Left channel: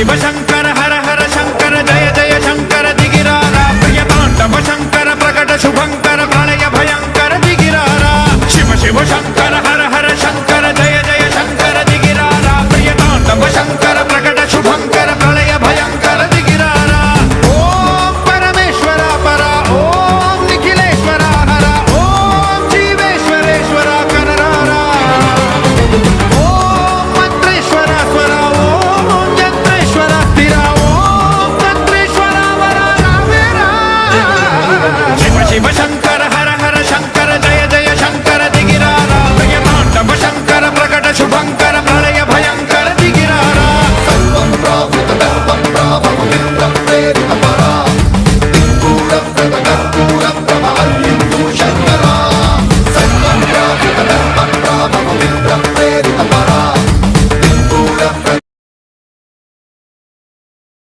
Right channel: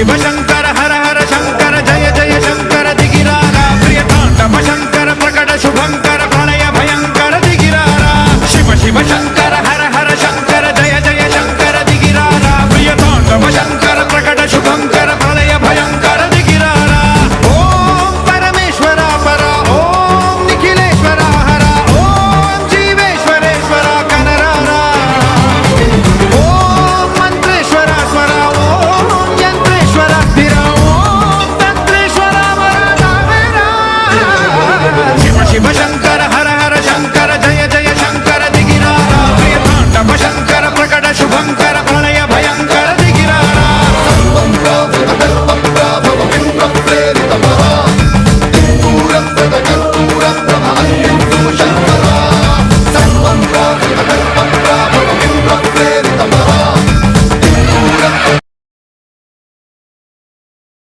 शिव शंकर हर हर शंकर जय जय शंकर दिगिरारा प्रिय तांडव शंकर प्रकट शुभंकर प्रणय भयंकर दिगिरारा शिव शिव शंकर